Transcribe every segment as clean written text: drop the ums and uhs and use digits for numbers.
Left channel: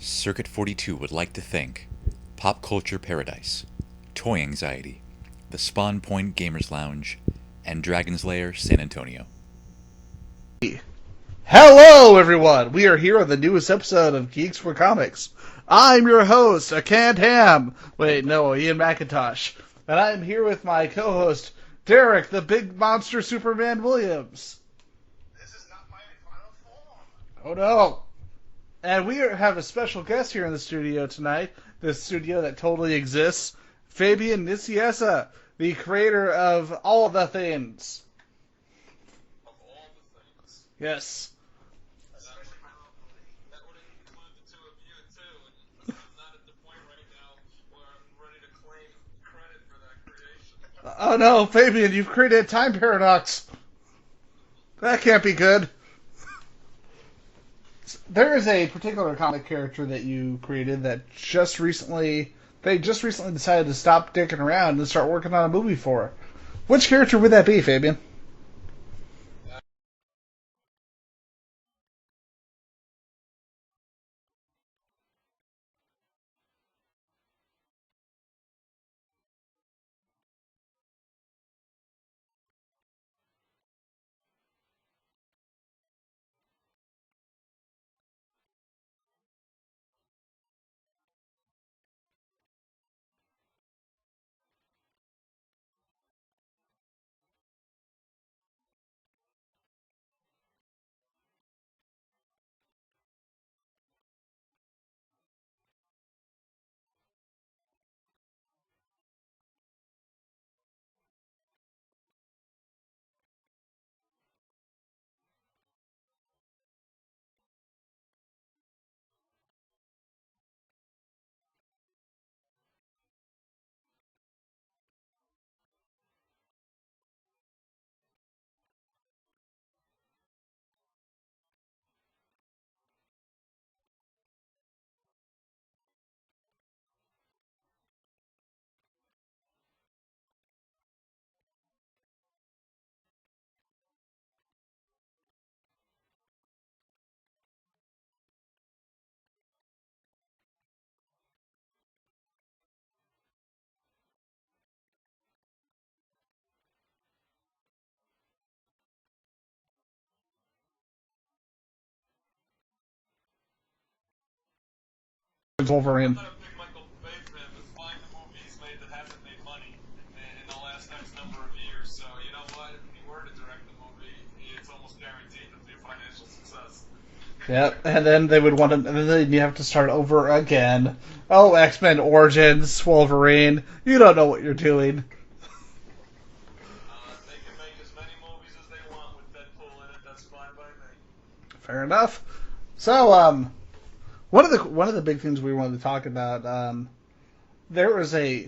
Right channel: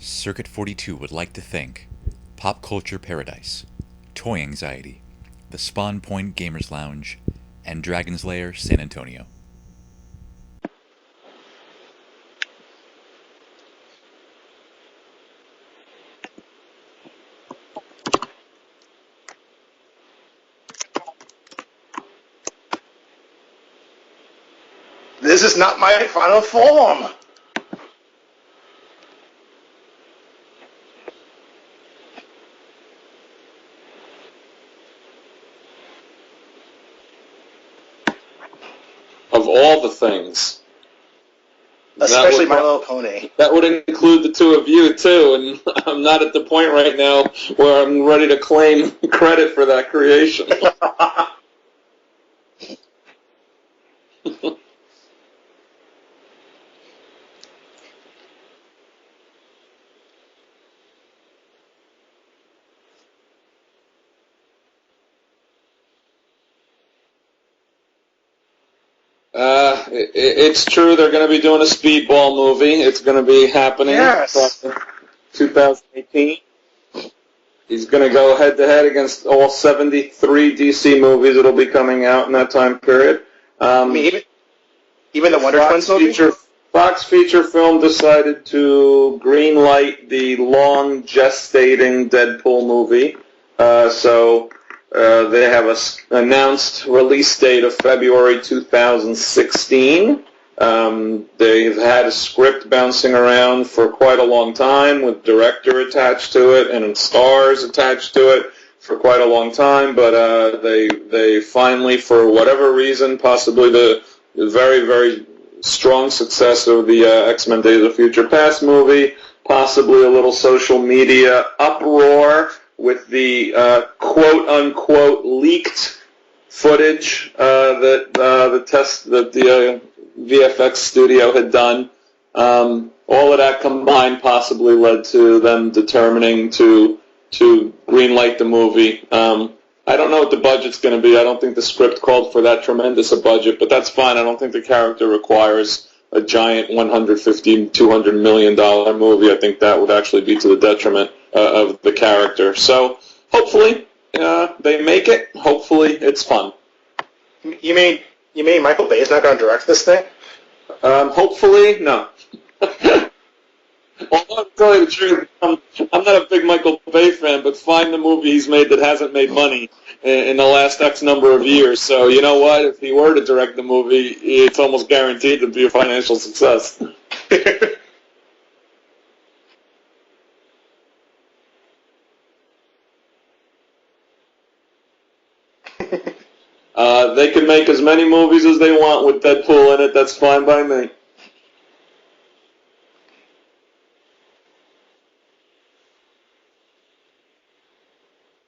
Circuit 42 would like to thank Pop Culture Paradise, Toy Anxiety, the Spawn Point Gamers Lounge, and Dragon's Lair San Antonio. Hello, everyone! We are here on the newest episode of Geeks4Comics. I'm your host, a canned ham. Wait, no, Ian McIntosh. And I'm here with my co-host, Derrick, the big monster Superman Williams. This is not my final form! Oh, no. And we have a special guest here in the studio tonight, this studio that totally exists, Fabian Nicieza, the creator of all the things. Of all the things. Yes. Especially My Little Pony. That would include the two of you, too, and I'm not at the point right now where I'm ready to claim credit for that creation. Oh no, Fabian, you've created a time paradox. That can't be good. There is a particular comic character that you created that just recently decided to stop dicking around and start working on a movie for. Which character would that be, Fabian? It's true. They're going to be doing a Speedball movie. It's going to be happening. Yes. 2018. He's going to go head-to-head against all 73 DC movies that'll be coming out in that time period. Even the Wonder Twins movie? Fox Feature Film decided to greenlight the long gestating Deadpool movie. They have an announced release date of February 2016. They've had a script bouncing around for quite a long time with director attached to it and stars attached to it for quite a long time, but they finally, for whatever reason, possibly the very, very strong success of the X-Men Days of Future Past movie, possibly a little social media uproar with the quote-unquote leaked footage that the VFX studio had done. All of that combined possibly led to them determining to greenlight the movie. I don't know what the budget's going to be. I don't think the script called for that tremendous a budget, but that's fine. I don't think the character requires a giant $150, $200 million movie. I think that would actually be to the detriment of the character. So hopefully they make it. Hopefully it's fun. You mean Michael Bay is not going to direct this thing? Hopefully, no. Although, to tell you the truth, I'm not a big Michael Bay fan, but find the movie he's made that hasn't made money in the last X number of years. So, you know what? If he were to direct the movie, it's almost guaranteed to be a financial success. Yeah, and then they would want to, and then you have to start over again. Oh, X-Men Origins, Wolverine, you don't know what you're doing. They can make as many movies as they want with Deadpool in it. That's fine by me. Fair enough. So, one of the big things we wanted to talk about, there was of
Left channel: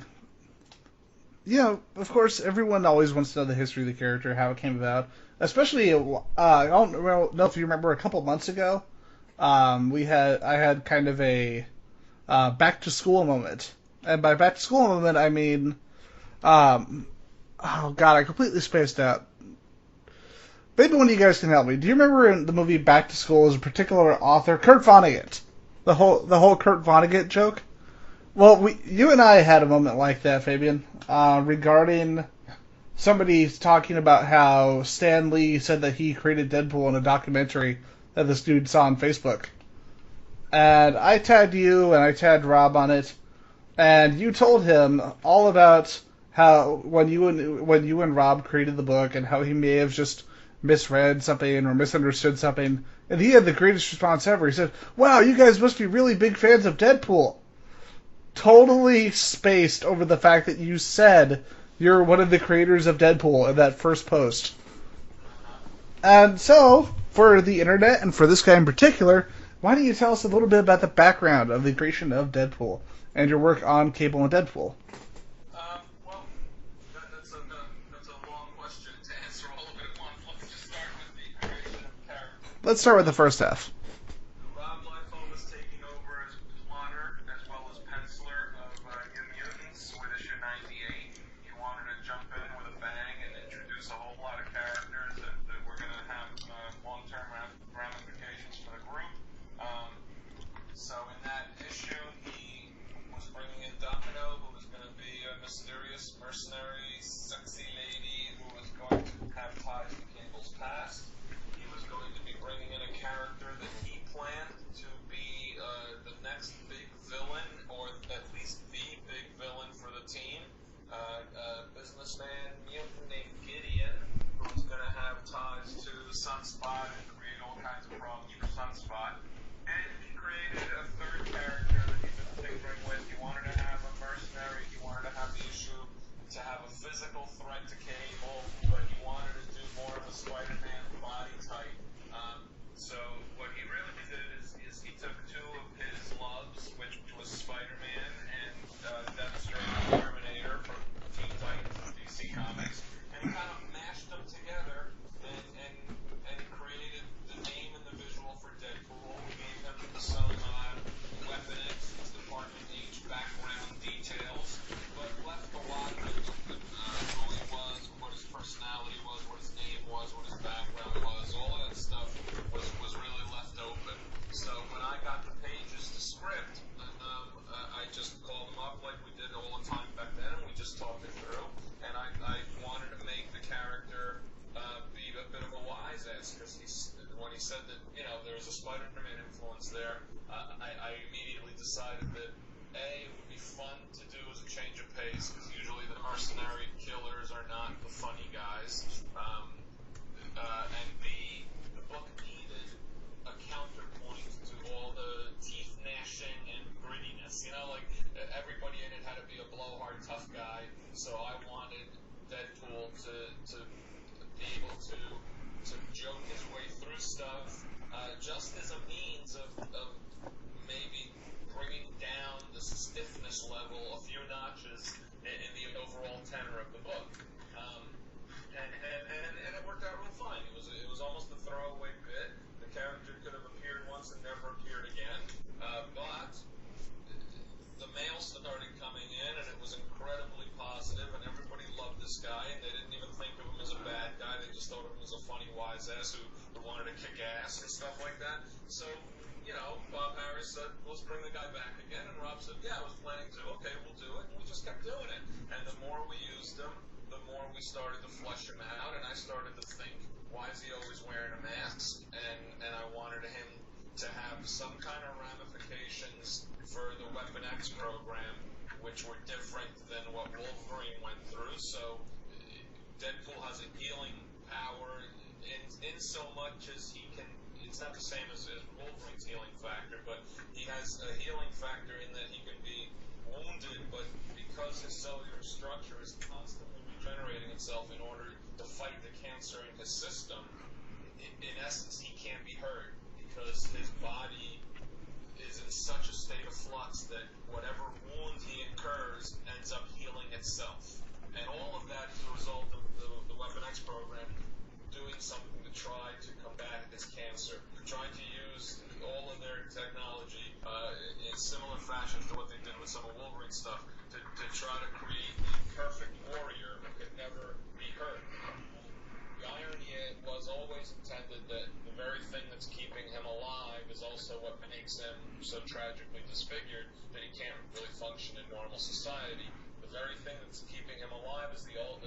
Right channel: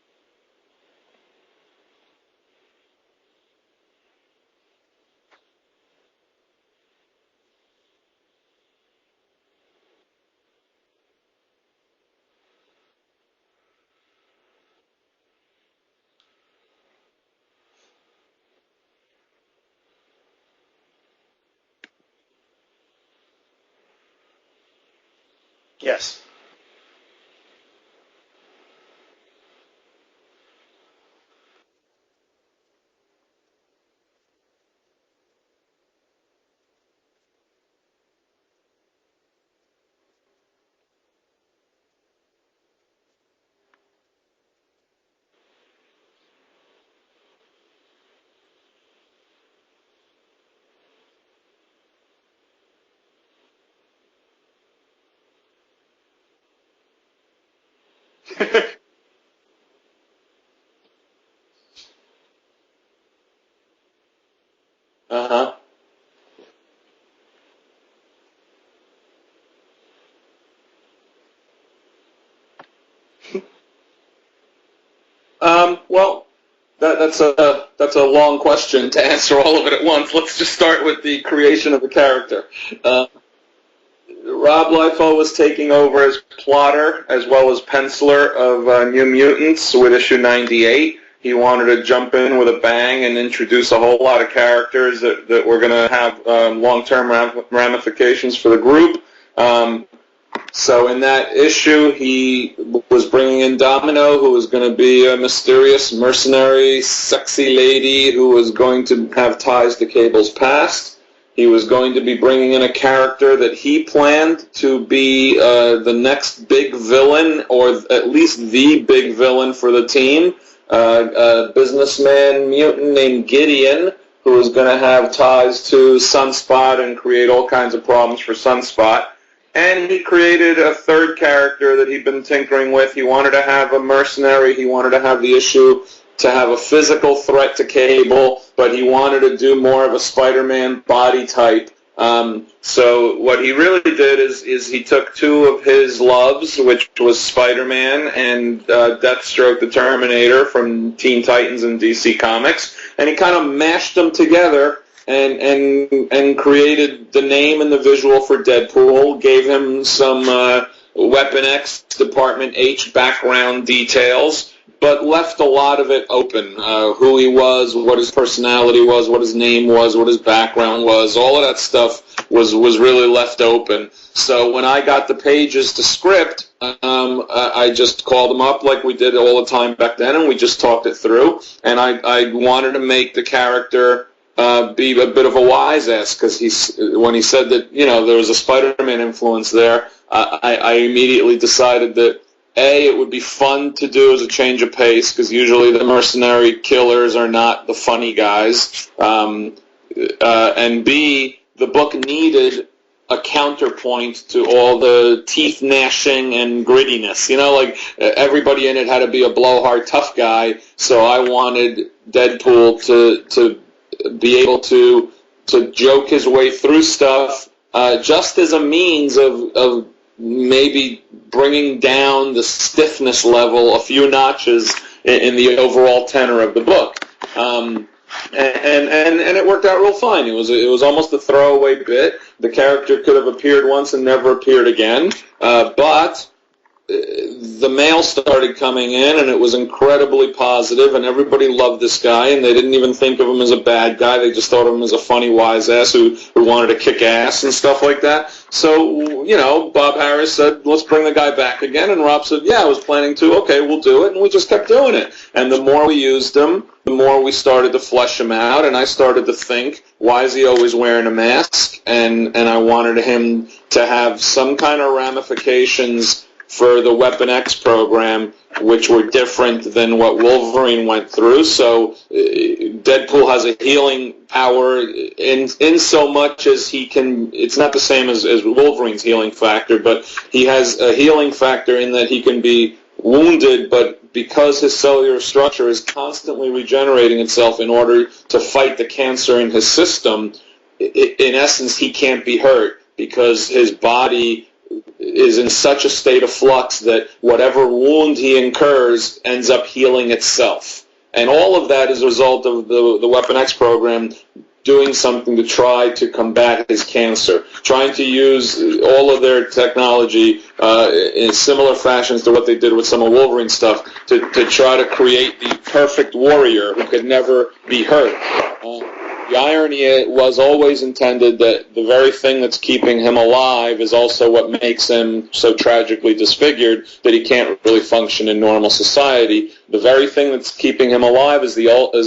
course, everyone always wants to know the history of the character, how it came about. Especially, I don't know if you remember, a couple months ago, I had kind of a back to school moment, and by back to school moment I mean, oh god, I completely spaced out. Maybe one of you guys can help me. Do you remember in the movie Back to School, there's a particular author, Kurt Vonnegut? Yes. The whole Kurt Vonnegut joke? Well, you and I had a moment like that, Fabian, regarding somebody talking about how Stan Lee said that he created Deadpool in a documentary that this dude saw on Facebook. And I tagged you and I tagged Rob on it, and you told him all about how when you and Rob created the book and how he may have just misread something or misunderstood something. And he had the greatest response ever. He said, "Wow, you guys must be really big fans of Deadpool." Totally spaced over the fact that you said you're one of the creators of Deadpool in that first post. Uh-huh. And so, for the internet, and for this guy in particular, why don't you tell us a little bit about the background of the creation of Deadpool and your work on Cable and Deadpool? Well, that's a long question to answer all of it at once. Let's just start with the creation of the character. Let's start with the first half. Rob Liefeld was taking over as plotter as well as penciler of New Mutants with issue 98. He wanted to jump in with a bang and introduce a whole lot of characters that were going to have long-term ramifications for the group. So in that issue, he was bringing in Domino, who was going to be a mysterious, mercenary, sexy lady who was going to have ties to Cable's past. He was going to be bringing in a character that he planned to be the next big villain, or at least the big villain for the team, a businessman mutant named Gideon, who was going to have ties to Sunspot and create all kinds of problems for Sunspot. And he created a third character that he'd been tinkering with. He wanted to have a mercenary. He wanted to have the issue to have a physical threat to Cable, but he wanted to do more of a Spider-Man body type. So what he really did is he took two of his loves, which was Spider-Man and Deathstroke the Terminator from Teen Titans and DC Comics, and he kind of mashed them together and created the name and the visual for Deadpool, gave him some Weapon X Department H background details, but left a lot of it open. Who he was, what his personality was, what his name was, what his background was, all of that stuff was really left open. So when I got the pages to script, I just called him up like we did all the time back then, and we just talked it through. And I wanted to make the character be a bit of a wise ass, because when he said that there was a Spider-Man influence there, I immediately decided that it would be fun to do as a change of pace, because usually the mercenary killers are not the funny guys, and B, the book needed a counterpoint to all the teeth gnashing and grittiness. Like everybody in it had to be a blowhard tough guy, so I wanted Deadpool to be able to joke his way through stuff, just as a means of maybe bringing down the stiffness level a few notches in the overall tenor of the book. And it worked out real fine. It was almost a throwaway bit. The character could have appeared once and never appeared again, but the mail started coming in, and it was incredibly positive, and everybody loved this guy, and they didn't even think of him as a bad guy. They just thought of him as a funny wise ass who wanted to kick ass and stuff like that. So, Bob Harris said, let's bring the guy back again, and Rob said, yeah, I was planning to. Okay, we'll do it, and we just kept doing it. And the more we used him, the more we started to flesh him out, and I started to think, why is he always wearing a mask? And I wanted him to have some kind of ramifications for the Weapon X program, which were different than what Wolverine went through. So Deadpool has a healing power in so much as he can. It's not the same as Wolverine's healing factor, but he has a healing factor in that he can be wounded, but because his cellular structure is constantly regenerating itself in order to fight the cancer in his system, in essence, he can't be hurt because his body is in such a state of flux that whatever wound he incurs ends up healing itself. And all of that is a result of the Weapon X program doing something to try to combat his cancer, trying to use all of their technology in similar fashions to what they did with some of Wolverine's stuff to try to create the perfect warrior who could never be hurt. The irony was always intended that the very thing that's keeping him alive is also what makes him so tragically disfigured that he can't really function in normal society. The very thing that's keeping him alive is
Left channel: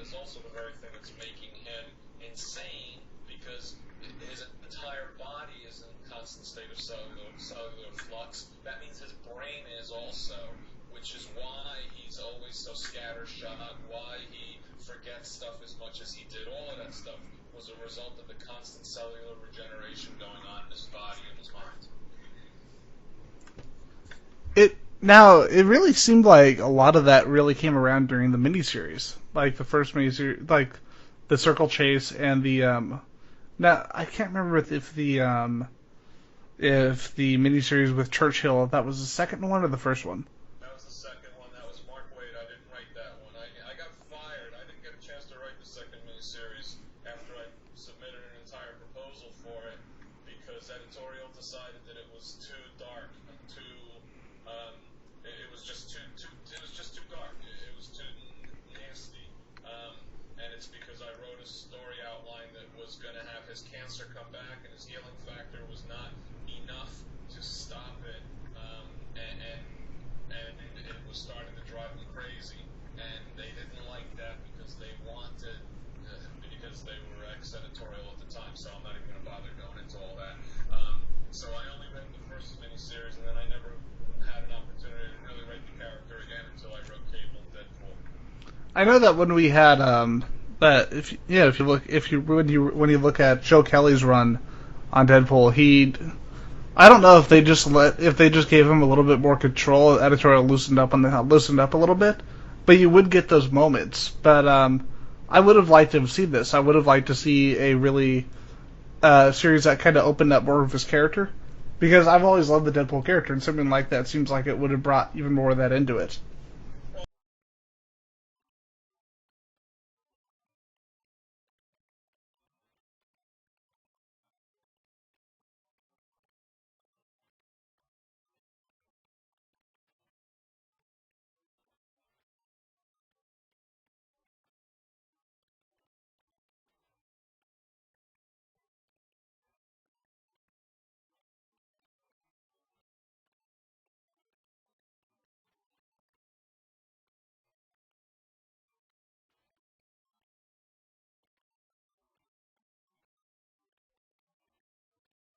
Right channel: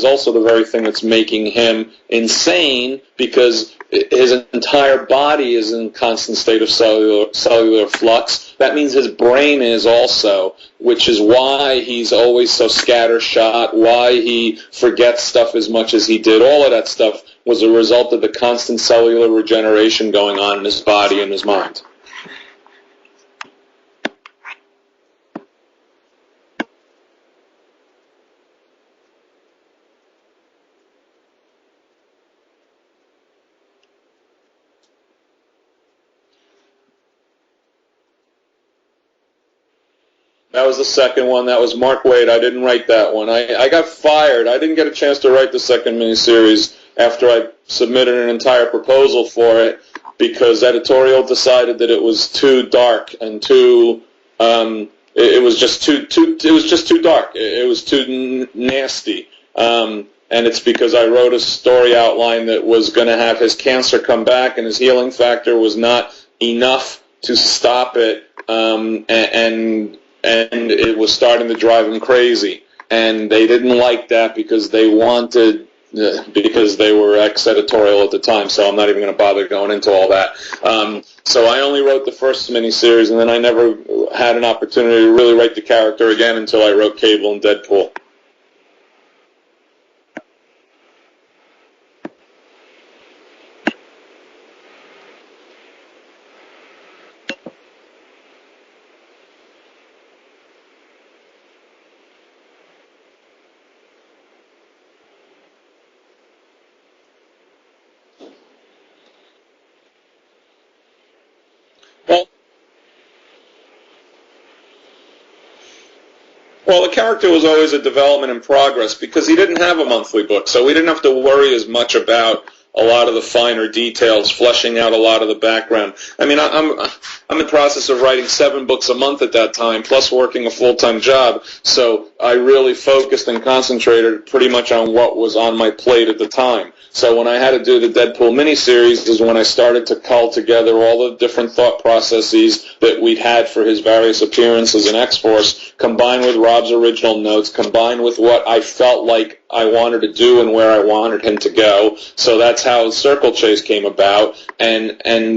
also the very thing that's making him insane, because his entire body is in constant state of cellular flux. That means his brain is also, which is why he's always so scattershot, why he forgets stuff as much as he did. All of that stuff was a result of the constant cellular regeneration going on in his body and his mind. It really seemed like a lot of that really came around during the miniseries, like the first miniseries, like the Circle Chase and the Now I can't remember if the miniseries with Churchill, that was the second one or the first one. That was the second one. That was Mark Waid. I didn't write that one. I got fired. I didn't get a chance to write the second miniseries after I submitted an entire proposal for it, because editorial decided that it was too dark and too. It was just too dark. It was too nasty. And it's because I wrote a story outline that was going to have his cancer come back, and his healing factor was not enough to stop it and it was starting to drive him crazy. And they didn't like that because they wanted, because they were ex-editorial at the time, so I'm not even going to bother going into all that. So I only wrote the first miniseries, and then I never had an opportunity to really write the character again until I wrote Cable and Deadpool. I know that when we had that when you look at Joe Kelly's run on Deadpool, I don't know if they just gave him a little bit more control, editorial loosened up a little bit, but you would get those moments. But I would have liked to have seen this. I would have liked to see a really series that kind of opened up more of his character, because I've always loved the Deadpool character, and something like that seems like it would have brought even more of that into it. Well, the character was always a development in progress because he didn't have a monthly book, so we didn't have to worry as much about a lot of the finer details, fleshing out a lot of the background. I mean, I'm in the process of writing 7 books a month at that time, plus working a full-time job, so I really focused and concentrated pretty much on what was on my plate at the time. So when I had to do the Deadpool miniseries is when I started to cull together all the different thought processes that we'd had for his various appearances in X-Force, combined with Rob's original notes, combined with what I felt like I wanted to do and where I wanted him to go. So that's how Circle Chase came about. And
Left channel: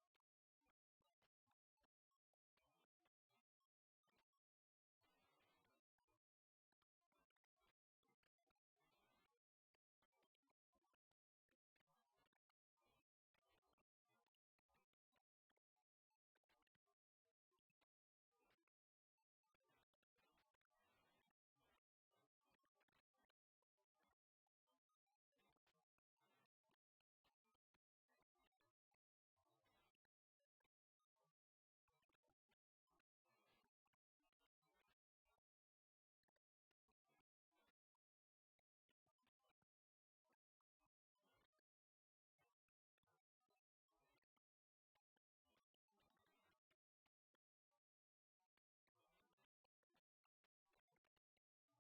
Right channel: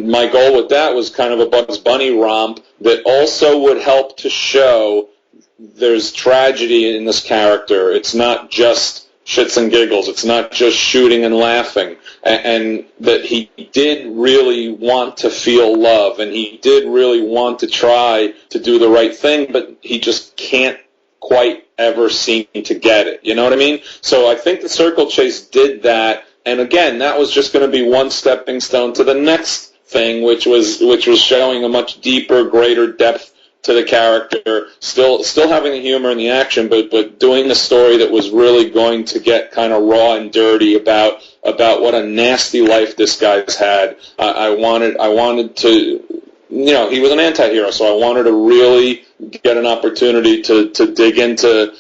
my goal with that was kind of a Bugs Bunny romp that also would help to show there's tragedy in this character. It's not just shits and giggles. It's not just shooting and laughing. And that he did really want to feel love, and he did really want to try to do the right thing, but he just can't quite ever seem to get it. You know what I mean? So I think the Circle Chase did that, and again, that was just going to be one stepping stone to the next thing, which was showing a much deeper, greater depth to the character, still having the humor and the action, but doing a story that was really going to get kind of raw and dirty about what a nasty life this guy's had. I wanted to, you know, he was an anti-hero, so I wanted to really get an opportunity to dig into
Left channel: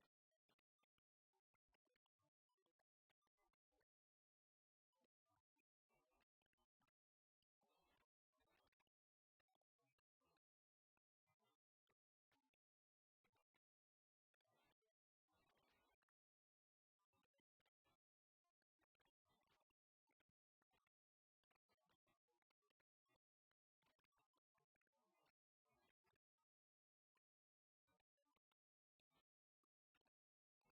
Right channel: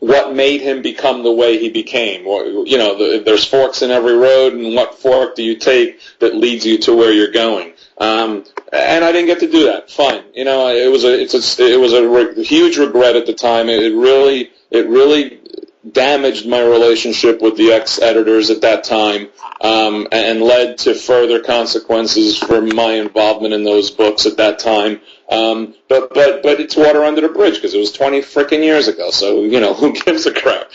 what made him become the way he became. You know, there's forks in every road, and what fork do you take that leads you to where you're going? And I didn't get to do that. Fine, you know, it was a huge regret at the time. It really damaged my relationship with the ex-editors at that time, and led to further consequences for my involvement in those books at that time. But it's water under the bridge because it was 20 frickin' years ago. So, you know, who gives a crap?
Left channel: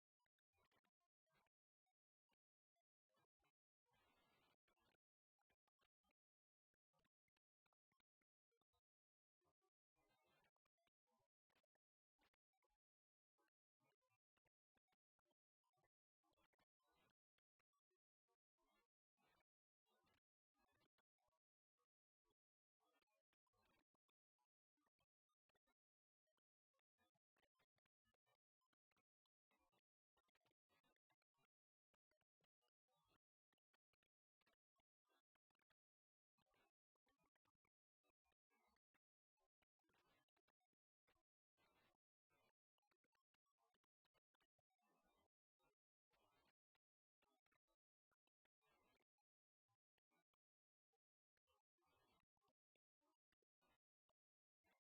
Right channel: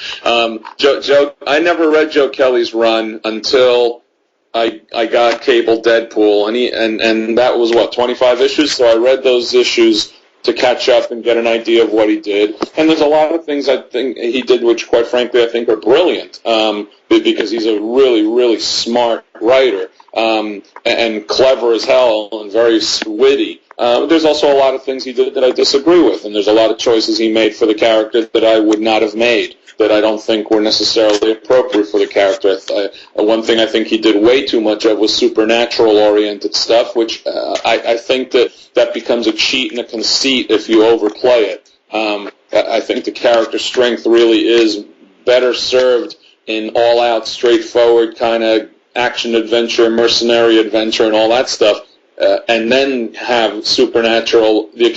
Joe, I never read Joe Kelly's run until I got Cable Deadpool, and that was, 25 issues? So I read those issues to catch up and get an idea of what he did. And there's a lot of things I think he did which, quite frankly, I think are brilliant, because he's a really, really smart writer, and clever as hell and very witty. There's also a lot of things he did that I disagree with, and there's a lot of choices he made for the character that I would not have made, that I don't think were necessarily appropriate for the character. One thing I think he did way too much of was supernatural-oriented stuff, which I think that becomes a cheat and a conceit if you overplay it. I think the character strength really is better served in all-out, straightforward kind of action-adventure, mercenary adventure, and all that stuff. And then have the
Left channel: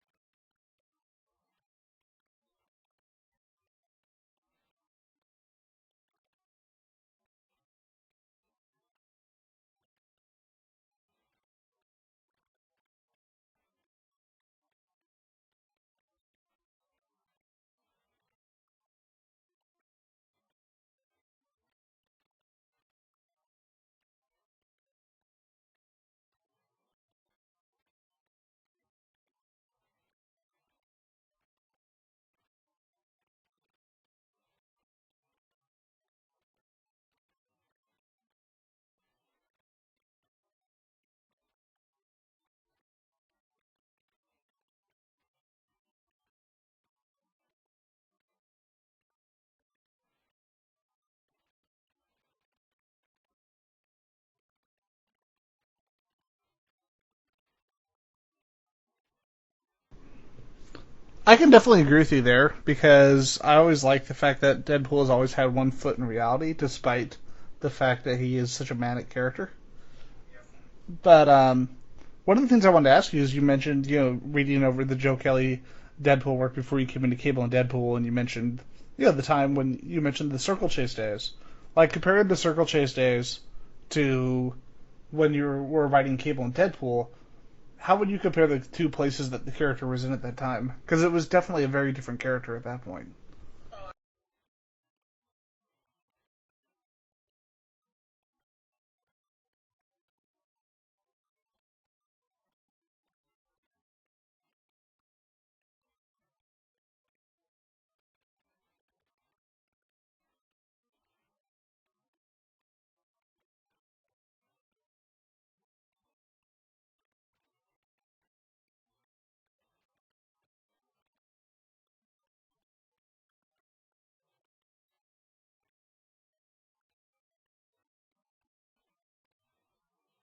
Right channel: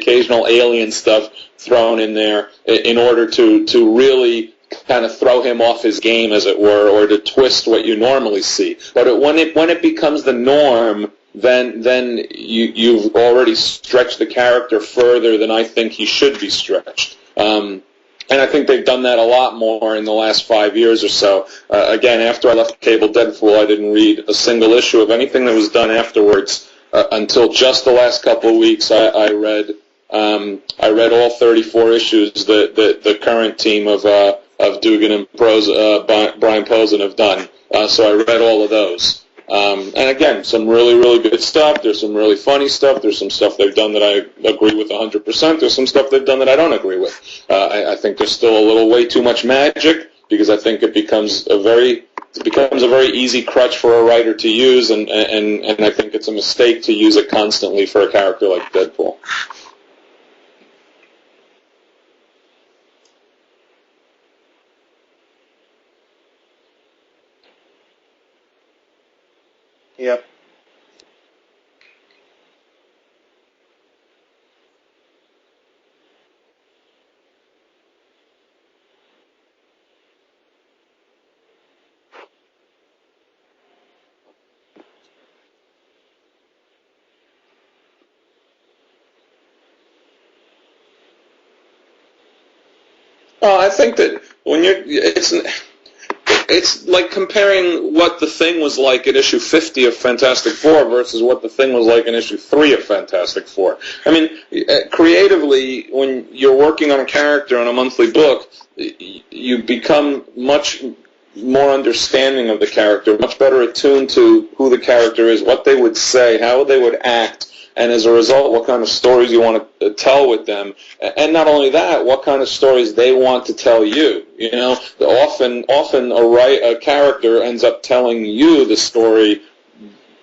occasional alien stuff thrown in there in order to really kind of throw him off his game, as it were, or to twist what you normally see. But when it becomes the norm, then you've already stretched the character further than I think he should be stretched. And I think they've done that a lot more in the last 5 years or so. Again, after I left Cable Deadpool, I didn't read a single issue of anything that was done afterwards until just the last couple of weeks. I read all 34 issues that the current team of Dugan and Brian Posen have done. So I read all of those. And again, some really, really good stuff. There's some really funny stuff. There's some stuff they've done that I agree with 100%. There's some stuff they've done that I don't agree with. I think there's still a little way too much magic, because I think it becomes a very easy crutch for a writer to use, and I think it's a mistake to use it constantly for a character like Deadpool. I can definitely agree with you there, because I always like the fact that Deadpool has always had one foot in reality, despite the fact that he is such a manic character. Yep. But one of the things I wanted to ask you is you mentioned, reading over the Joe Kelly Deadpool work before you came into Cable and Deadpool, and you mentioned, the time when you mentioned the Circle Chase days. Like, comparing the Circle Chase days to when you were writing Cable and Deadpool, how would you compare the two places that the character was in at that time? Because it was definitely a very different character at that point. Well, I think that when it's like comparing what the Thing was like at issue 50 of Fantastic Four versus what the Thing was like in issue 3 of Fantastic Four. I mean, creatively, when you're working on a character on a monthly book, you become much more understanding of the character, much better attuned to who the character is, what they would say, how they would act, and as a result, what kind of stories you want to tell with them. And not only that, what kind of stories they want to tell you. Often a character ends up telling you the story,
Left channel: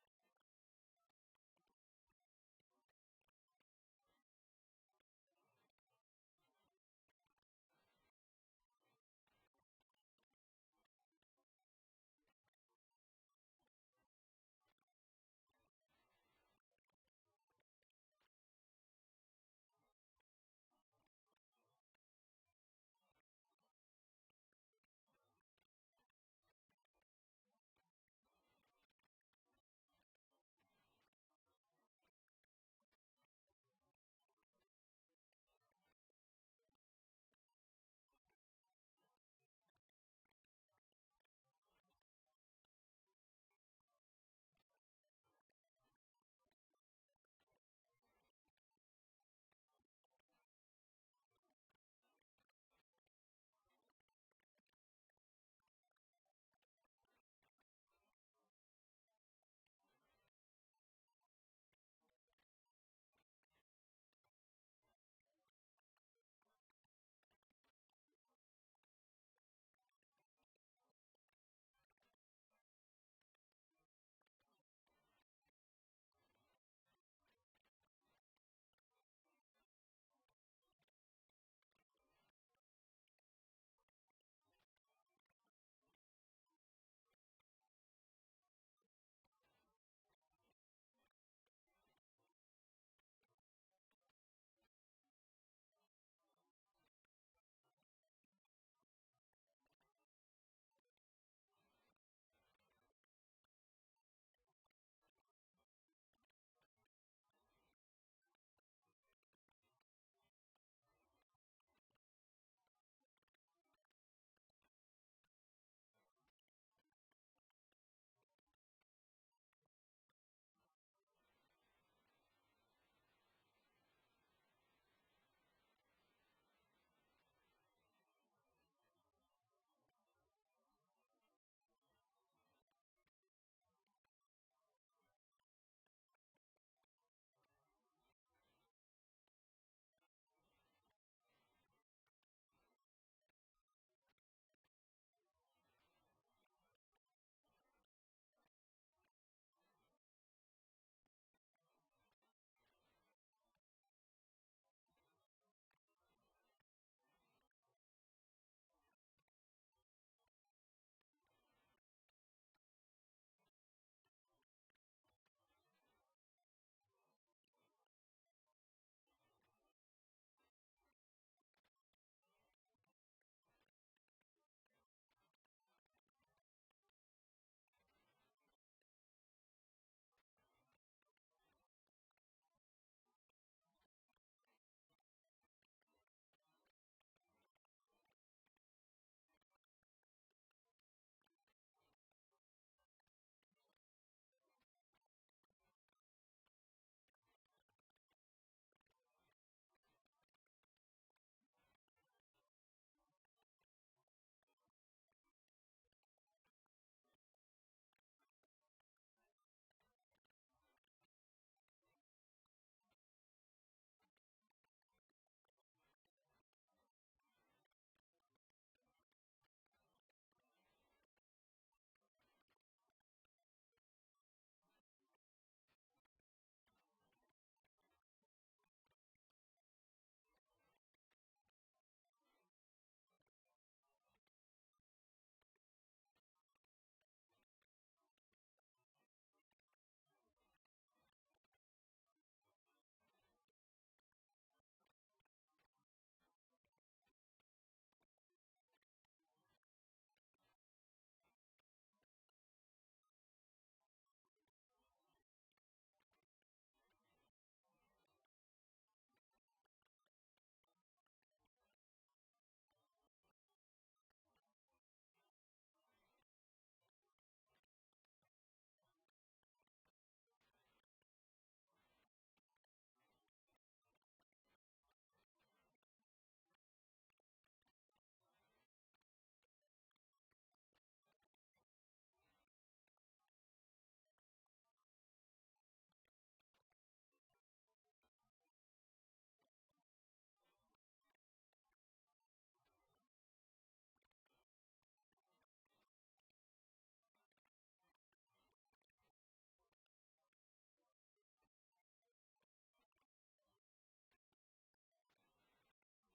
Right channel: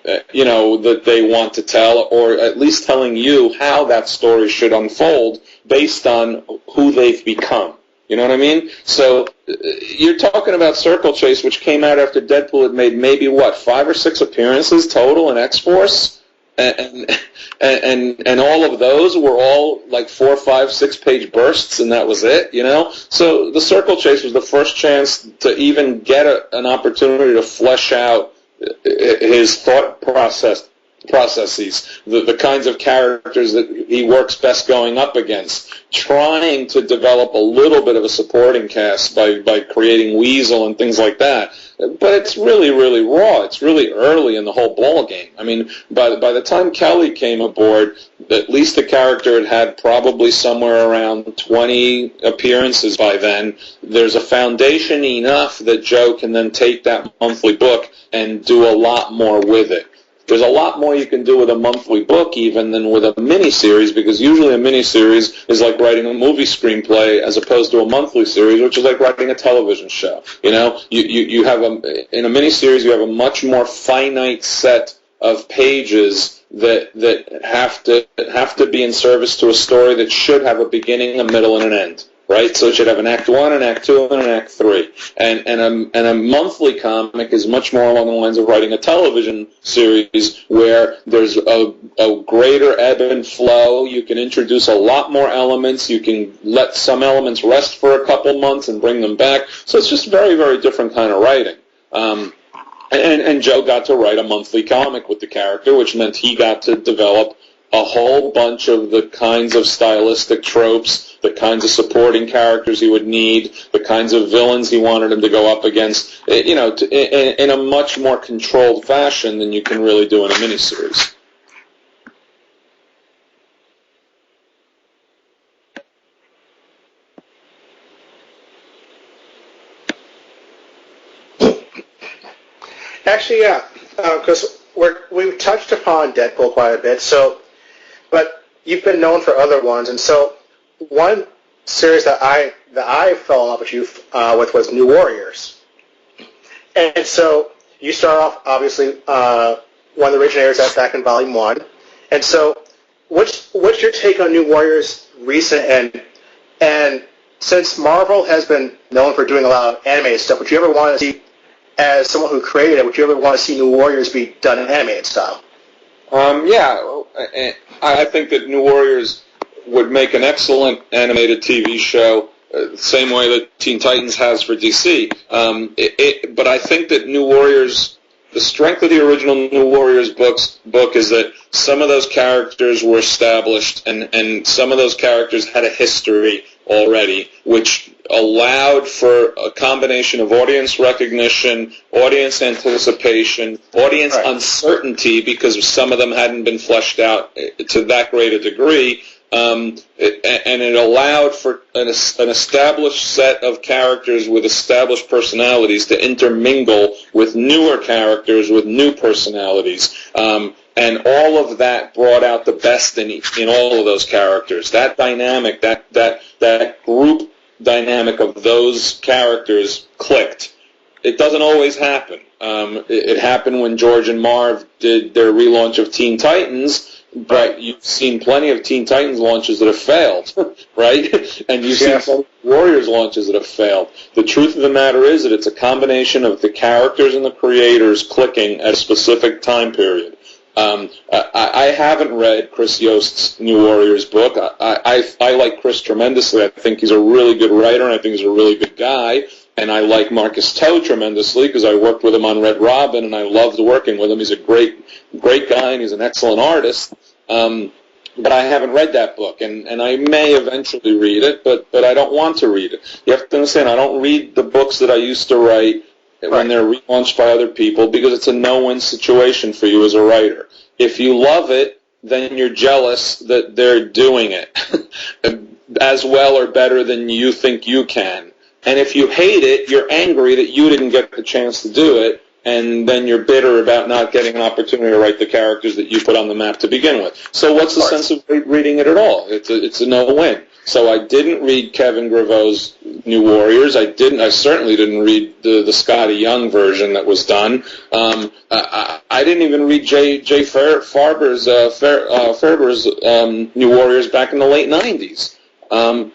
that they want to tell, or at least telling you how that story should unfold based on who they've become. You know what I mean? So you're talking about Circle Chase, which came out after Deadpool had made maybe, 5 or 6 appearances total in X-Force? And all of those were all like 4, 5, 6-page bursts, and that was it, So the Circle Chase was the first chance to even get an opportunity to flesh out his thought processes, the kinds of characters that he works best going up against, trying to develop a little bit of a supporting cast by creating Weasel and things like that. But it's really, really raw. It's really early in the whole ball game. I mean, by the time Kelly came aboard, at least the character had probably somewhere around 20 appearances by then. There's a foundation enough that Joe can then take that monthly book and do a lot more with it. There's a lot more you can do with a monthly book even than with a miniseries, because usually a miniseries is like writing a movie screenplay as opposed to a monthly series, which is like writing a television show. You have in a miniseries you have a much more finite set of pages that have to be in service to a story that should have a beginning, a middle, and an end. Right, so it should have an Act 1, an Act 2, and an Act 3. And a monthly comic is much more along the lines of writing a television series where there's a greater ebb and flow. You can introduce a lot more elements. You can let some elements rest for a couple months and bring them back. So it's just very, very different kind of writing. And Joe got to write a monthly comic with the character, which meant he got to develop a whole bunch of the kinds of stylistic tropes, the kinds of supporting characters he would need, the kinds of villains he wanted him to go up against, in a much more controlled fashion than you can really do in a miniseries. Actually, yeah, because we've touched upon Deadpool quite a bit, but you've been known for other ones, and so one series that I fell in love with you with was New Warriors, and so you start off obviously one of the originators that's back in Volume 1, and so what's your take on New Warriors recent and since Marvel has been known for doing a lot of animated stuff, would you ever want to see, as someone who created it, would you ever want to see New Warriors be done in animated style? Yeah, I think that New Warriors would make an excellent animated TV show, the same way that Teen Titans has for DC. But I think that New Warriors, the strength of the original New Warriors book is that some of those characters were established, and some of those characters had a history already, which allowed for a combination of audience recognition, audience anticipation, audience uncertainty, because some of them hadn't been fleshed out to that great a degree, and it allowed for an established set of characters with established personalities to intermingle with newer characters with new personalities. And all of that brought out the best in all of those characters. That dynamic, that group dynamic of those characters clicked. It doesn't always happen. It happened when George and Marv did their relaunch of Teen Titans, but you've seen plenty of Teen Titans launches that have failed, right? And you've seen some Warriors launches that have failed. The truth of the matter is that it's a combination of the characters and the creators clicking at a specific time period. I haven't read Chris Yost's New Warriors book. I like Chris tremendously. I think he's a really good writer, and I think he's a really good guy. And I like Marcus Toe tremendously because I worked with him on Red Robin, and I loved working with him. He's a great guy, and he's an excellent artist. But I haven't read that book, and I may eventually read it, but I don't want to read it. You have to understand, I don't read the books that I used to write when they're relaunched by other people because it's a no-win situation for you as a writer. If you love it, then you're jealous that they're doing it as well or better than you think you can. And if you hate it, you're angry that you didn't get the chance to do it, and then you're bitter about not getting an opportunity to write the characters that you put on the map to begin with. So what's the sense of reading it at all? It's a no-win. So I didn't read Kevin Graveau's New Warriors. I certainly didn't read the Scotty Young version that was done. I didn't even read Jay Farber's New Warriors back in the late 90s. I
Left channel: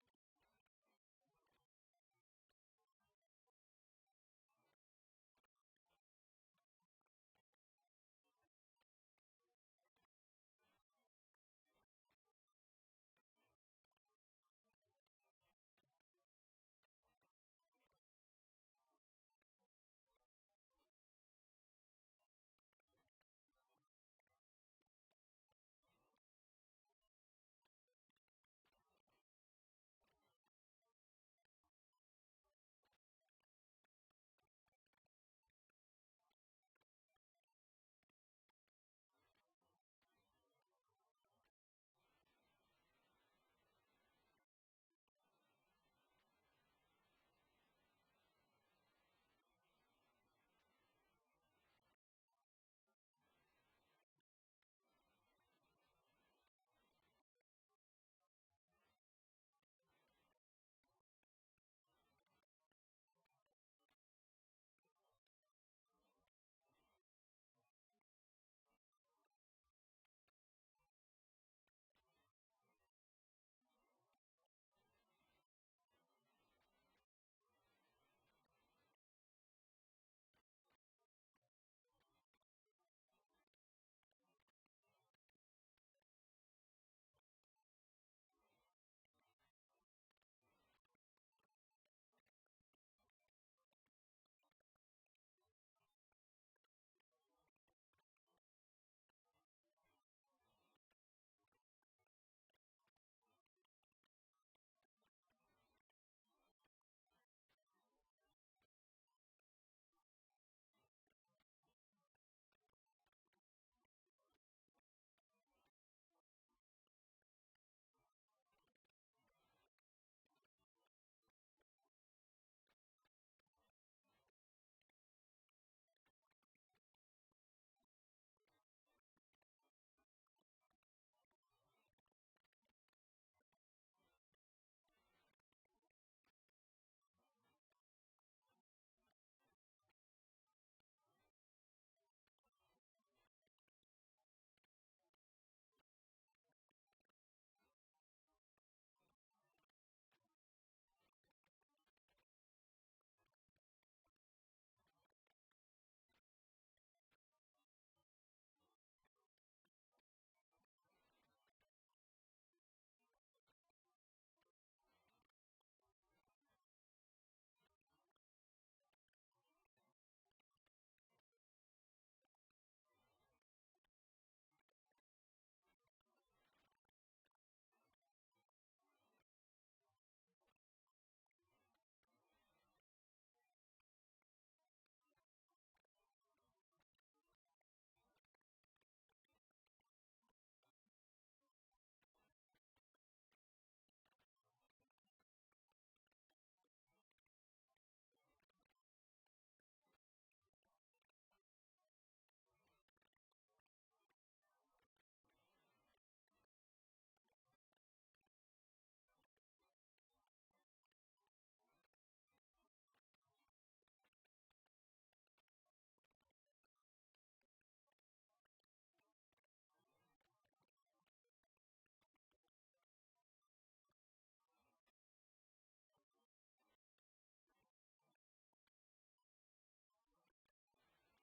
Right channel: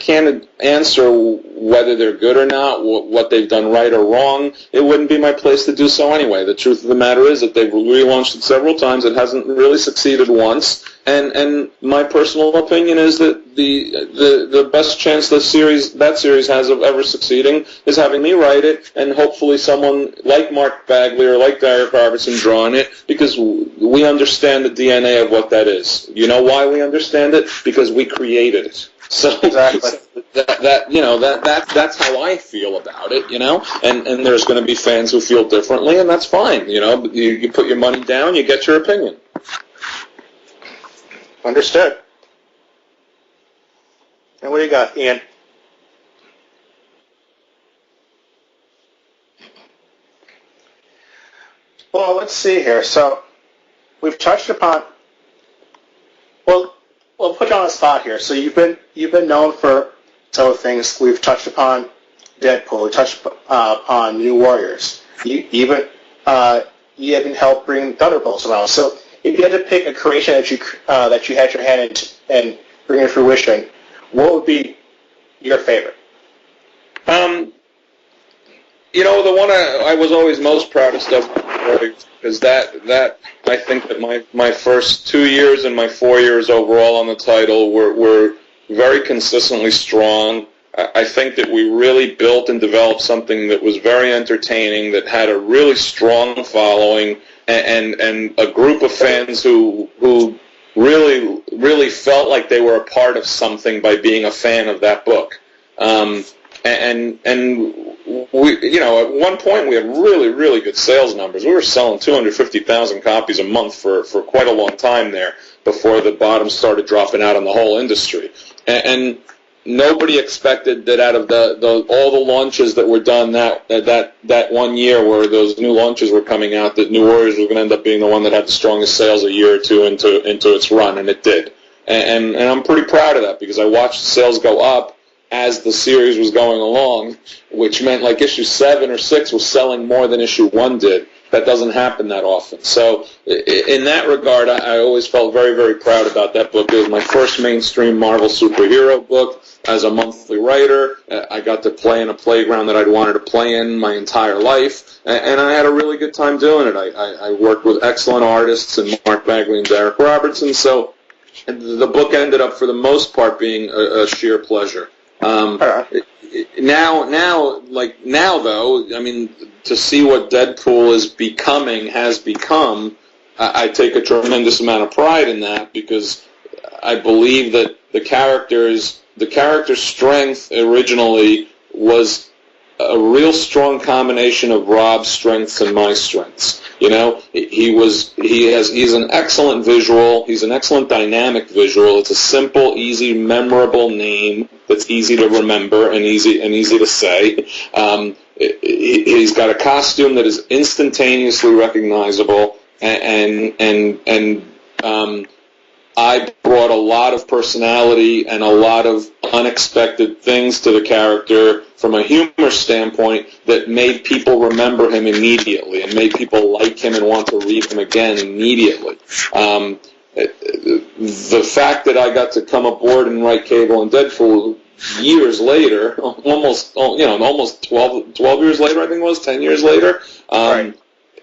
can't answer whether they're good or not, what they've done right or wrong. It wouldn't be my place to do so anyway. The truth of the matter is that they've relaunched it several times. It hasn't really succeeded once. And my personal opinion is that the best chance that series has of ever succeeding is having me write it, and hopefully someone like Mark Bagley or like Derrick Robertson drawing it, because we understand the DNA of what that is. You know why we understand it? Because we created it. So Exactly. that's how I feel about it, and there's going to be fans who feel differently, and that's fine, you put your money down, you get your opinion. Understood. And what do you got, Ian? Well, let's see here. So we've touched upon. Well, we'll put you on the spot here. So you've been known for several things. We've touched upon Deadpool. We touched upon New Warriors. You even helped bring Thunderbolts around. So if you had to pick a creation that you had your hand in and bring to fruition, what would be your favorite? The one I was always most proudest of, because that I think that my first 2 years and my 4 years overall on the title were very consistently strong. I think that we really built and developed something that was very entertaining, that had a really strong following, and a group of fans who really felt like they were a part of something by being a fan of that book. And we, at one point we had really, really good sales numbers. We were selling 250,000 copies a month for quite a long time there before the bottom started dropping out on the whole industry. And nobody expected that out of all the launches that were done that 1 year where those new launches were coming out, that New Warriors was going to end up being the one that had the strongest sales a year or two into its run, and it did. And I'm pretty proud of that, because I watched sales go up as the series was going along, which meant like issue 7 or 6 was selling more than issue 1 did. That doesn't happen that often. So in that regard, I always felt very, very proud about that book. It was my first mainstream Marvel superhero book. As a monthly writer, I got to play in a playground that I'd wanted to play in my entire life, and I had a really good time doing it. I worked with excellent artists and Mark Bagley and Derrick Robertson, so the book ended up, for the most part, being a sheer pleasure. Now, though, I mean, to see what Deadpool has become, I take a tremendous amount of pride in that, because I believe that the character's strength originally was a real strong combination of Rob's strengths and my strengths. He's an excellent visual. He's an excellent dynamic visual. It's a simple, easy, memorable name that's easy to remember and easy to say. He's got a costume that is instantaneously recognizable, and I brought a lot of personality and a lot of unexpected things to the character from a humor standpoint that made people remember him immediately and made people like him and want to read him again immediately. The fact that I got to come aboard and write Cable and Deadpool years later, almost 12 years later, I think it was, 10 years later, right.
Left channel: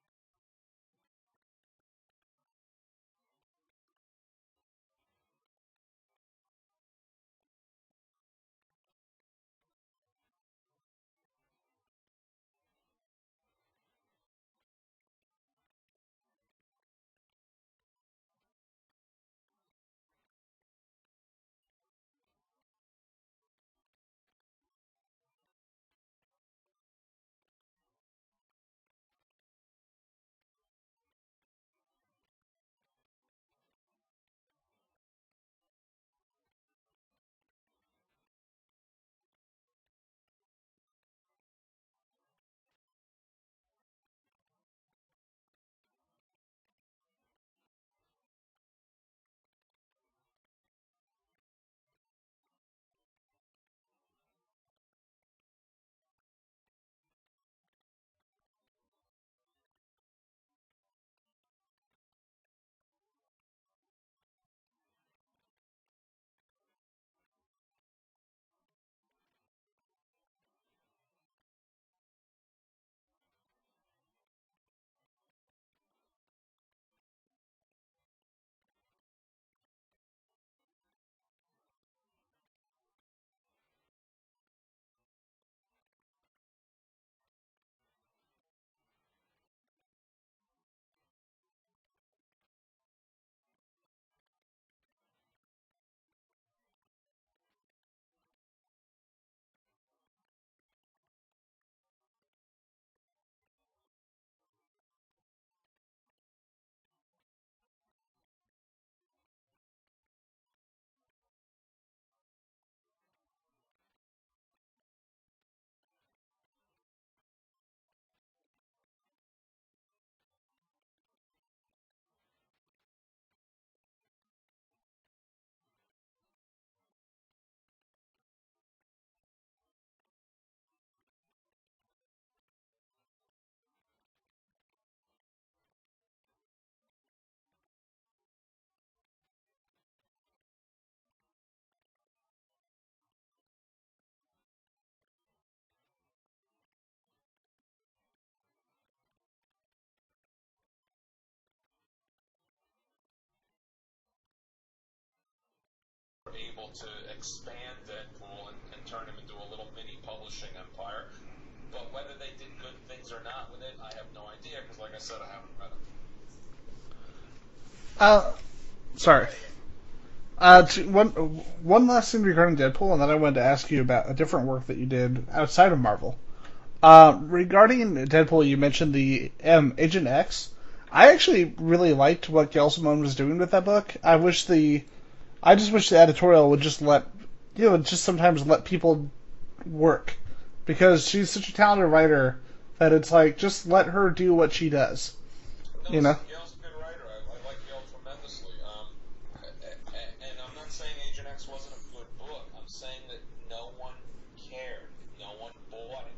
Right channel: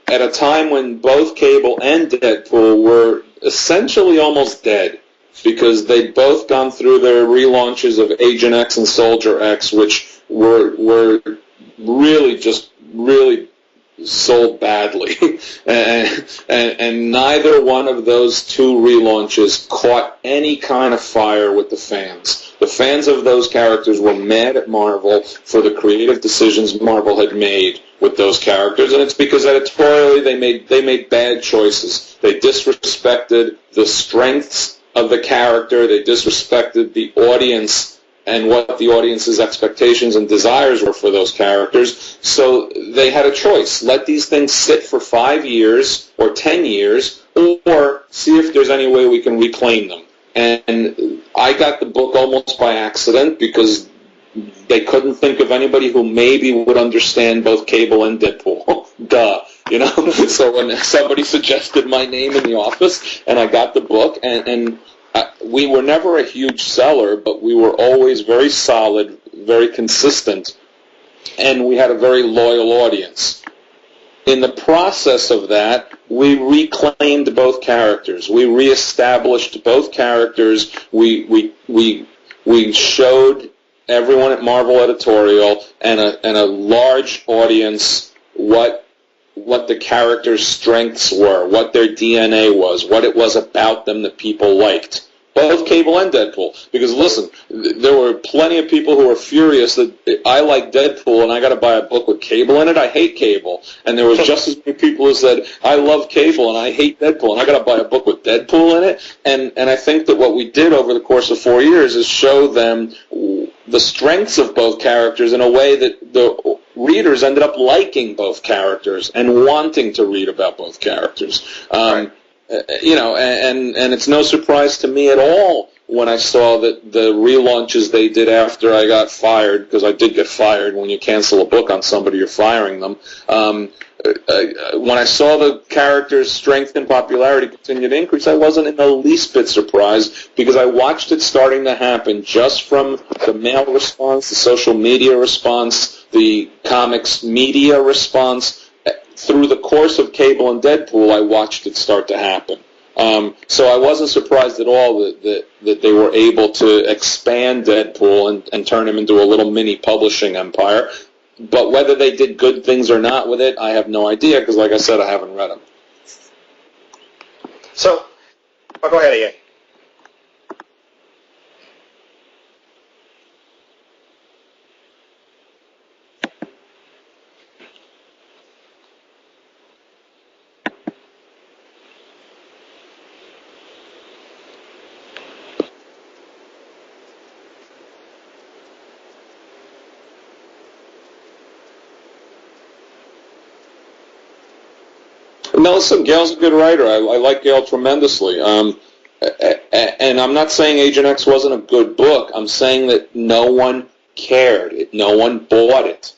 at a time when both Cable and Deadpool were essentially almost dead, because they'd both gone through their relaunches of Agent X and Soldier X, which were really sold badly, and neither one of those two relaunches caught any kind of fire with the fans. The fans of those characters were mad at Marvel for the creative decisions Marvel had made with those characters, and it's because editorially they made bad choices. They disrespected the strengths of the character, they disrespected the audience and what the audience's expectations and desires were for those characters. So they had a choice. Let these things sit for 5 years or 10 years, or see if there's any way we can reclaim them. And I got the book almost by accident, because they couldn't think of anybody who maybe would understand both Cable and Deadpool. Duh. You know? So when somebody suggested my name in the office, and I got the book, and we were never a huge seller, but we were always very solid, very consistent, and we had a very loyal audience. In the process of that, we reclaimed both characters. We reestablished both characters. We showed everyone at Marvel Editorial and a large audience what the characters' strengths were, what their DNA was, what it was about them that people liked. Both Cable and Deadpool. Because, listen, there were plenty of people who were furious that I like Deadpool and I got to buy a book with Cable in it. I hate Cable. And there was just as many people who said, I love Cable and I hate Deadpool and I got to buy a book with Deadpool in it. And I think that what we did over the course of 4 years is show them the strengths of both characters in a way that the readers ended up liking both characters and wanting to read about both characters. Right. You know, and it's no surprise to me at all when I saw that the relaunches they did after I got fired, because I did get fired. When you cancel a book on somebody, you're firing them. When I saw the character's strength and popularity continue to increase, I wasn't in the least bit surprised, because I watched it starting to happen just from the mail response, the social media response, the comics media response. Through the course of Cable and Deadpool, I watched it start to happen. So I wasn't surprised at all that they were able to expand Deadpool and turn him into a little mini publishing empire. But whether they did good things or not with it, I have no idea, because, like I said, I haven't read them. So, go ahead. One last thing regarding Deadpool, and then I wanted to ask you about a different work that you did outside of Marvel. Regarding Deadpool, you mentioned the Agent X. I actually really liked what Gail Simone was doing with that book. I just wish the editorial would just sometimes let people work, because she's such a talented writer that it's like, just let her do what she does. No, listen, Gail's a good writer. I like Gail tremendously. And I'm not saying Agent X wasn't a good book. I'm saying that no one cared. No one bought it.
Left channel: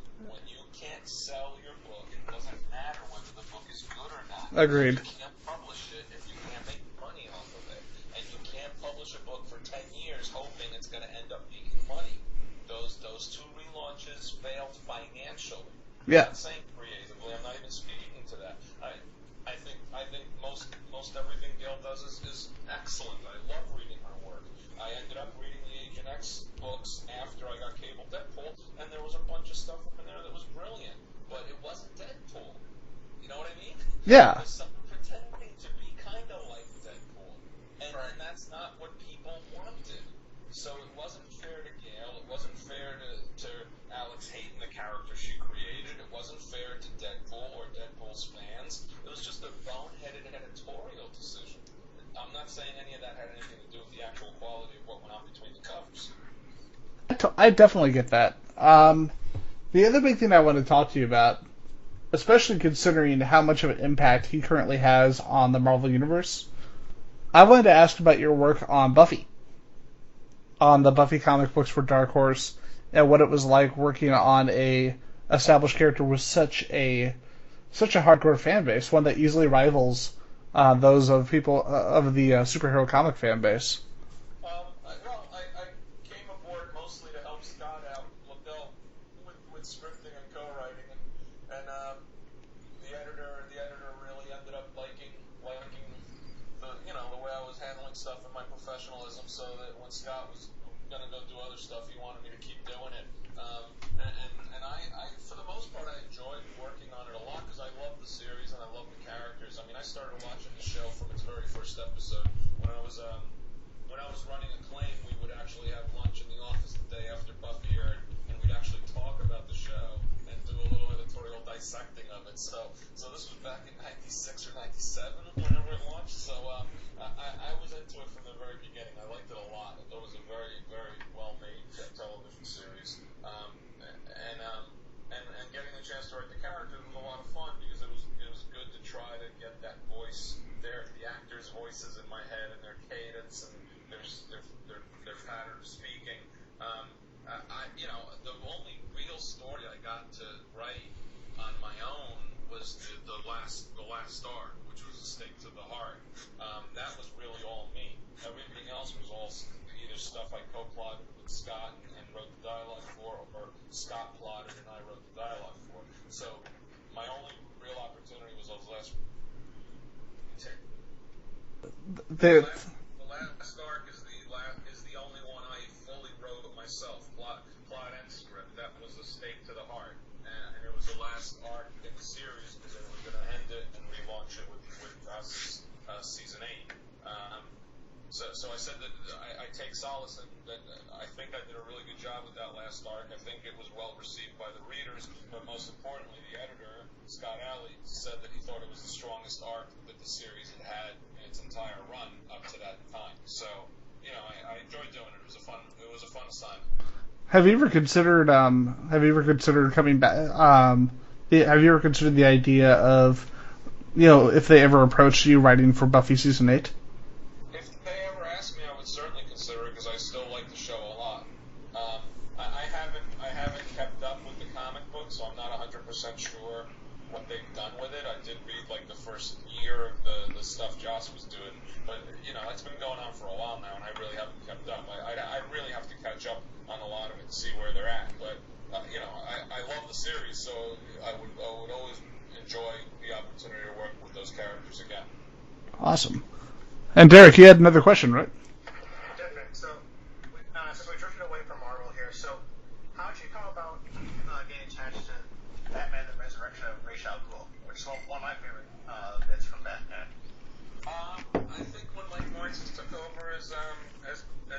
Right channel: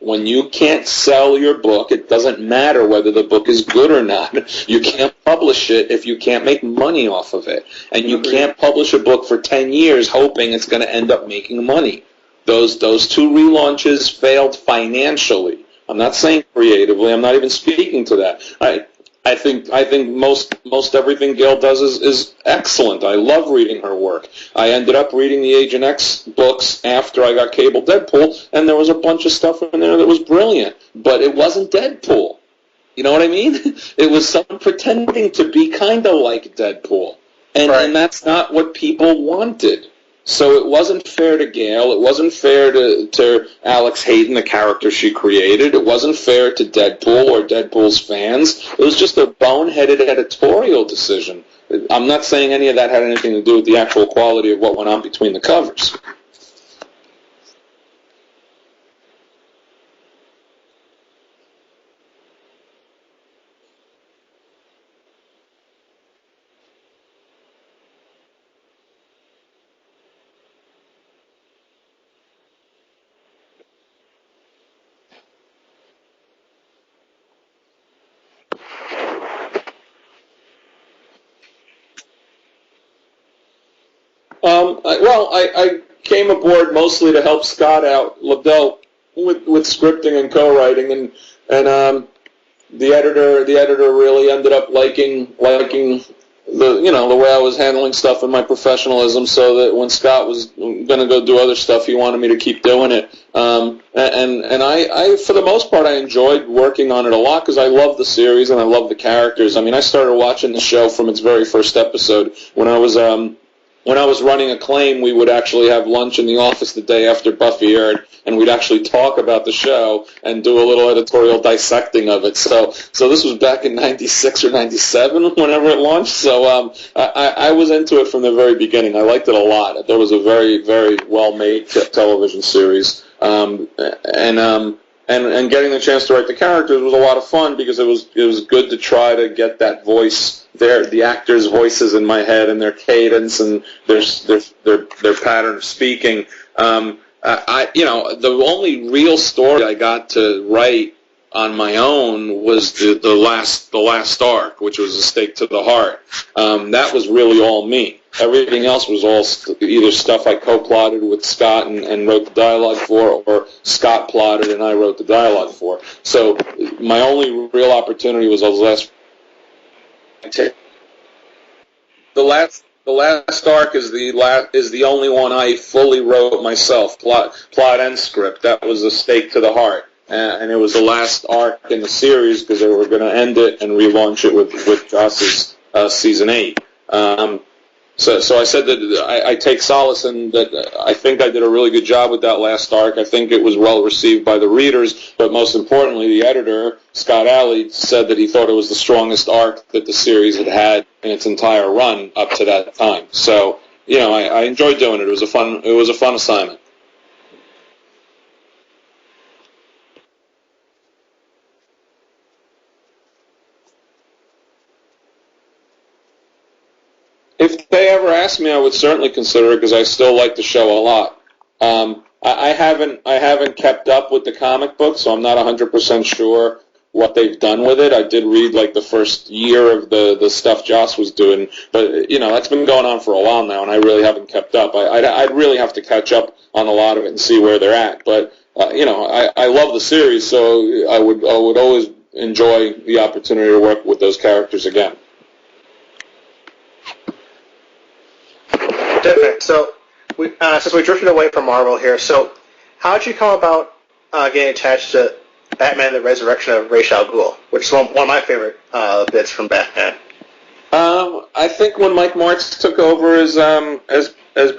When you can't sell your book, it doesn't matter whether the book is good or not. You can't publish it if you can't make money off of it. And you can't publish a book for 10 years hoping it's going to end up making money. Those two relaunches failed financially. I'm not saying creatively. I'm not even speaking to that. I think most everything Gail does is excellent. I love reading her work. I ended up reading the Agent X books after I got Cable Deadpool, and there was a bunch of stuff in there that was brilliant, but it wasn't Deadpool. You know what I mean? It was someone pretending to be kind of like Deadpool, and that's not what people wanted. So it wasn't fair to Gail. It wasn't fair to Alex Hayden, the character she created. It wasn't fair to Deadpool or Deadpool's fans. It was just a boneheaded editorial decision. I'm not saying any of that had anything to do with the actual quality of what went on between the covers. I definitely get that. The other big thing I want to talk to you about, especially considering how much of an impact he currently has on the Marvel Universe, I wanted to ask about your work on Buffy. On the Buffy comic books for Dark Horse, and what it was like working on a established character with such a hardcore fan base, one that easily rivals those of people of the superhero comic fan base. I came aboard mostly to help Scott out, Liddell, with scripting and co-writing, and the editor really ended up liking the way I was handling stuff and my professionalism, so that when Scott was going to go do other stuff, he wanted me to keep doing it. And I, for the most part, I enjoyed working on it a lot because I love the series and I love the characters. I mean, I started watching the show from its very first episode when I was running Acclaim. We would actually have lunch in the office the day after Buffy aired, and we'd actually talk about the show and do a little editorial dissecting of it. So this was back in '96 or '97, whenever it launched. So I was into it from the very beginning. I liked it a lot. It was a very, very well-made television series, and getting the chance to write the characters was a lot of fun because it was good to try to get that voice, the actors' voices in my head and their cadence and their pattern of speaking. The only real story I got to write on my own was the last arc, which was A Stake to the Heart. That was really all me. Everything else was all either stuff I co-plotted with Scott and wrote the dialogue for, or Scott plotted and I wrote the dialogue for. So my only real opportunity was those last. The last arc is the only one I fully wrote myself, plot and script. That was A Stake to the Heart, and it was the last arc in the series because they were going to end it and relaunch it with Joss's season 8. So I said that I take solace in that I think I did a really good job with that last arc. I think it was well received by the readers, but most importantly, the editor, Scott Alley, said that he thought it was the strongest arc that the series had had in its entire run up to that time. So, I enjoyed doing it. It was a fun assignment. Have you ever considered coming back? Have you ever considered the idea of, if they ever approached you writing for Buffy season 8? If they ever asked me, I would certainly consider it because I still like the show a lot. I haven't kept up with the comic book, so I'm not 100% sure what they've done with it. I did read the first year of the stuff Joss was doing, but that's been going on for a while now, and I really haven't kept up. I'd really have to catch up on a lot of it and see where they're at. But I love the series, so I would always enjoy the opportunity to work with those characters again. Awesome. And Derrick, you had another question, right? Definitely. So, since we drifted away from Marvel here, so how did you come about getting attached to Batman: The Resurrection of Ra's al Ghul, which is one of my favorite bits from Batman? I think when Mike Martz took over as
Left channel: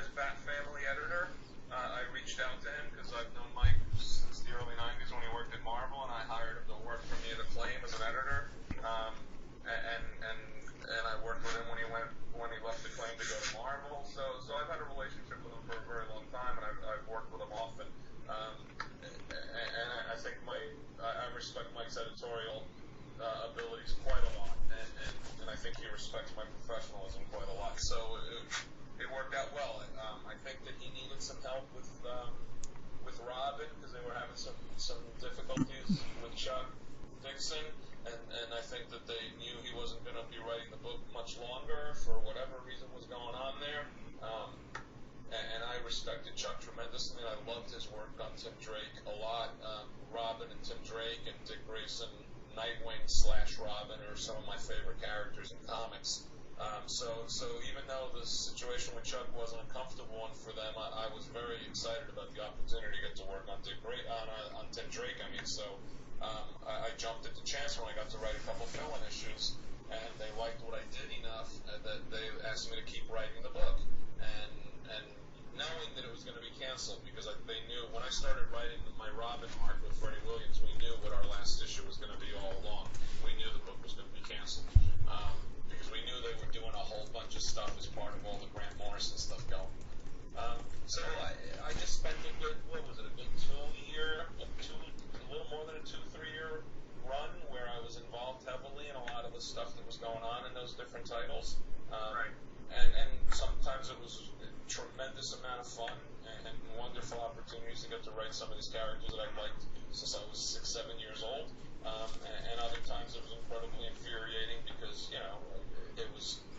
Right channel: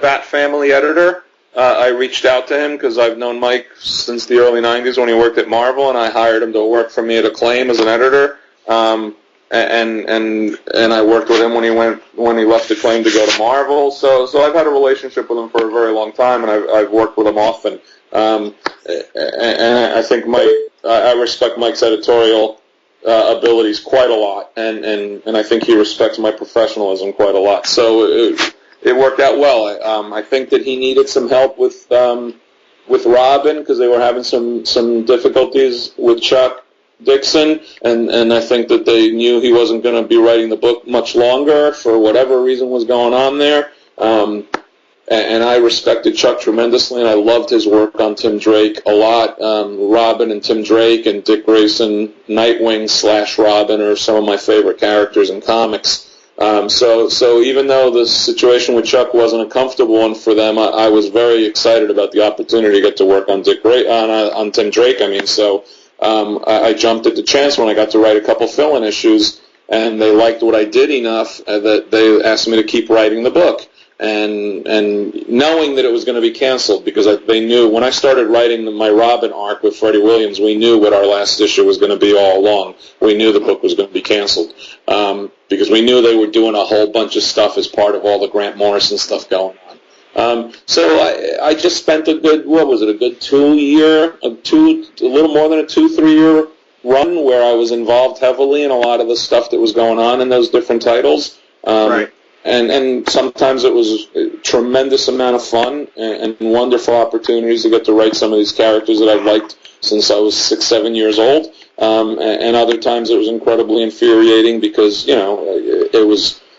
Bat Family editor, I reached out to him because I've known Mike since the early '90s when he worked at Marvel, and I hired him to work for me at Acclaim as an editor. And I worked with him when he left Acclaim to go to Marvel. So I've had a relationship with him for a very long time, and I've worked with him often. And I think I respect Mike's editorial abilities quite a lot, and I think he respects my professionalism quite a lot. So it worked out well. I think that he needed some help with Robin because they were having some difficulties with Chuck Dixon, and I think that they knew he wasn't going to be writing the book much longer for whatever reason was going on there. And I respected Chuck tremendously, and I loved his work on Tim Drake a lot. Robin and Tim Drake and Dick Grayson, Nightwing / Robin are some of my favorite characters in comics. So even though the situation with Chuck wasn't a comfortable one for them, I was very excited about the opportunity to get to work on on Tim Drake. I jumped at the chance when I got to write a couple fill-in issues, and they liked what I did enough that they asked me to keep writing the book. And knowing that it was going to be canceled, because they knew when I started writing my Robin arc with Freddie Williams, we knew what our last issue was going to be all along. We knew the book was going to be canceled because we knew they were doing a whole bunch of stuff as part of all the Grant Morrison stuff going on. So I just spent a good 2 year, a little more than a 2-3 year run where I was involved heavily in a lot of the stuff that was going on in those different titles. Right. And sometimes it was a tremendous amount of fun and wonderful opportunities to get to write some of these characters that I've liked since I was 6-7 years old. And other times it was incredibly infuriating because,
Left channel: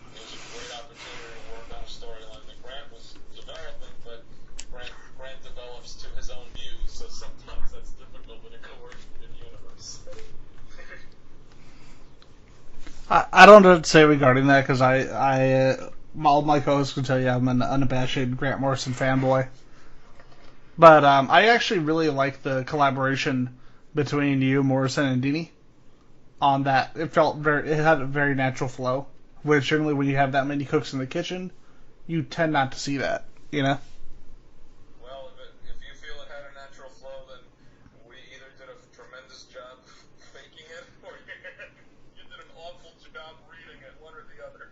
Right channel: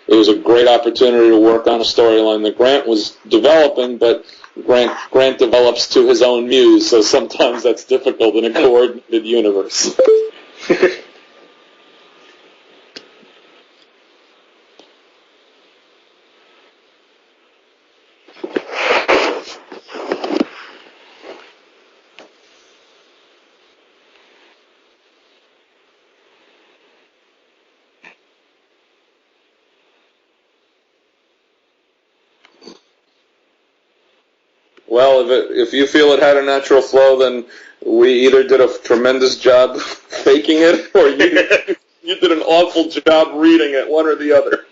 it was a great opportunity to work on a storyline that Grant was developing, but Grant develops to his own muse, so sometimes that's difficult in a coordinated universe. I don't know what to say regarding that because all my co-hosts can tell you I'm an unabashed Grant Morrison fanboy. But I actually really like the collaboration between you, Morrison, and Dini on that. It had a very natural flow, which generally when you have that many cooks in the kitchen, you tend not to see that, you know? Well, if you feel it had a natural flow, then we either did a tremendous job faking it, or you did an awful job reading it, one or the other.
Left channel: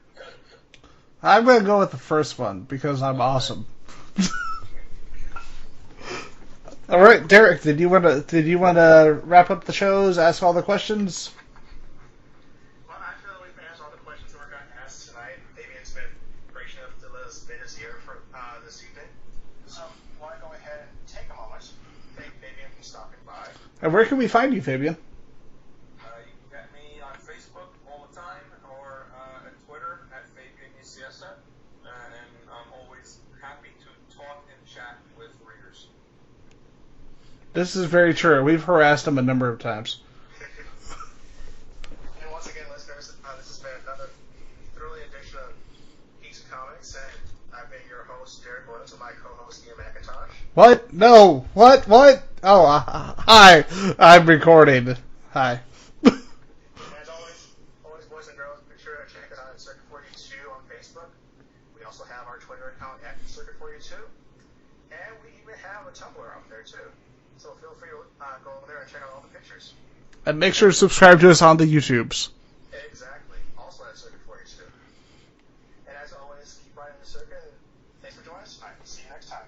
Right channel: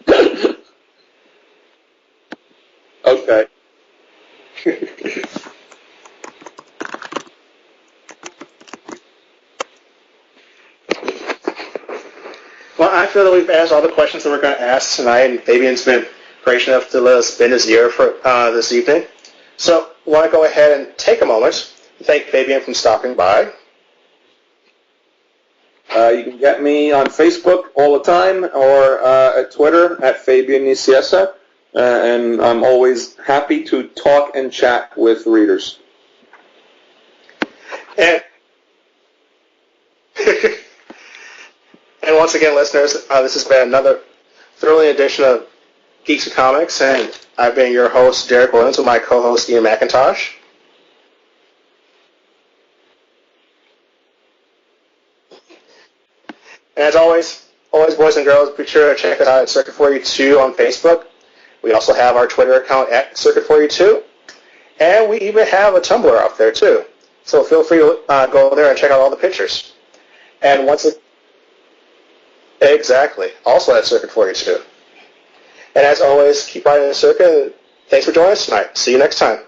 I'm going to go with the first one, because I'm awesome. All right, Derrick, did you want to wrap up the shows, ask all the questions? Well, I feel that we've asked all the questions that we're going to ask tonight, and Fabian's been gracious enough to let us spend his ear for this evening. So I want to go ahead and take a moment to thank Fabian for stopping by. And where can we find you, Fabian? You can get me on Facebook all the time, or at Twitter at Fabian Nicieza, and I'm always happy to talk and chat with readers. This is very true. We've harassed him a number of times. And once again, listeners, this has been another thrilling edition of Geeks4Comics, and I've been your host, Derrick Williams, with my co-host, Ian McIntosh. What? No. What? Oh, hi. I'm recording. Hi. And as always, boys and girls, be sure to check us out at Circuit42 on Facebook. We also have our Twitter account at Circuit42, and we even have a Tumblr out there, too. So feel free to go there and check out all the pictures. And make sure to subscribe to us on the YouTubes. Exactly. Also at Circuit42. And as always, keep riding the circuit. Thanks for joining us tonight. See you next time.